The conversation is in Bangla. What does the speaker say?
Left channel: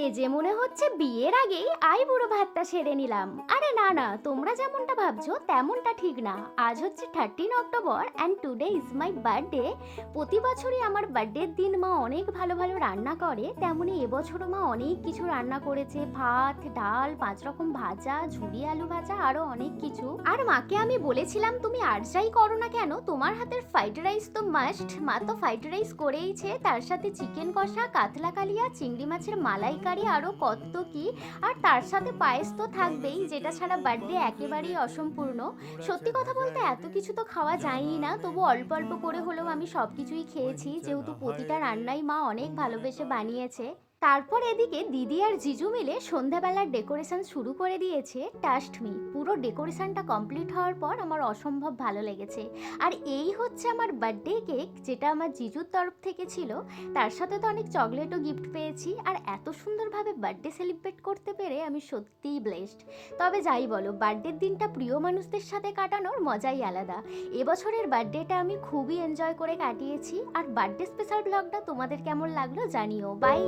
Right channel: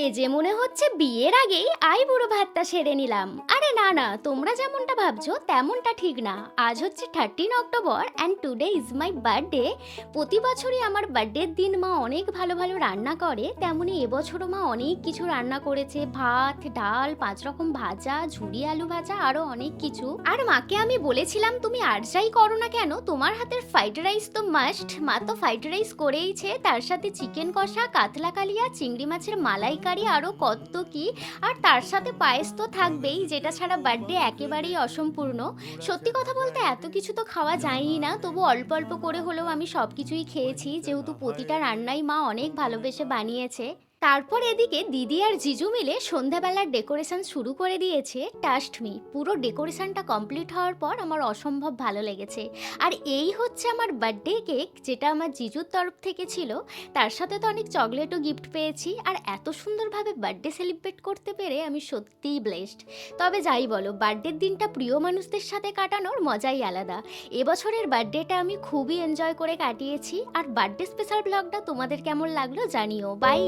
এ যে মনে হচ্ছে বিয়ের আগেই বুড়ো ভাতটা সেরে নিলাম। আরে না না, তোমরা যেমনটা ভাবছো তেমনটা ঠিক না। আজ হচ্ছে 13 October and today is my birthday. প্রতি বছরই আমার বার্থডের দিন মা অনেক ভালো ভালো রান্না করে, তেমনি এবছরও মা অনেক কিছু রান্না করেছে। ভাত, ডাল, 5 রকম ভাজা, ঝুরি আলু ভাজা, আরো অনেক কিছু। আর মাকে আমি বলেছিলাম তুমি আর যাই করো না কেন, তোমার হাতের ফ্রাইড রাইস তো মাস্ট। মা তো ফ্রাইড রাইস করেইছে, তার সাথে চিকেন কষা, কাতলা কালিয়া, চিংড়ি মাছের মালাইকারি, আরও কত কি। আর তার সাথে পায়েস তো থাকবেই, যেটা ছাড়া বার্থডে একেবারেই অসম্পূর্ণ। সত্যি কথা বলতে এত কিছু তো খাওয়া যায়ই না, তবু অল্প অল্প করে হলেও আমি সব কিছুই খেয়েছি, যেহেতু প্রতিটা রান্নাই মা অনেক ভালোবেসে বানিয়েছে। তারপর এদিকে দিদি আর জিজু মিলে সন্ধ্যাবেলার ডেকোরেশন শুরু করে দিয়েছে। ট্রাস্ট মি, পুরো ডেকোরেশনটা কমপ্লিট হওয়ার পর আমার অসম্ভব ভালো লেগেছে। আর এই হচ্ছে আমার বার্থডে কেক, যেটা আমার জিজুর তরফ থেকে ছিল। তার সাথে তো অনেক চকলেটও গিফট পেয়েছি। আর এত সুন্দরভাবে বার্থডে সেলিব্রেট করতে পেরে আমি সত্যিই ব্লেসড। তবে যাই বলো, বার্থডের দিনটা প্রিয় মানুষদের সাথে কাটানোর মজাই আলাদা। এবছরের বার্থডেটা আমি খুবই এনজয় করে কাটিয়েছি। আর বার্থডে স্পেশাল ব্লগটা তোমাদের কেমন লাগলো জানিও। বাই।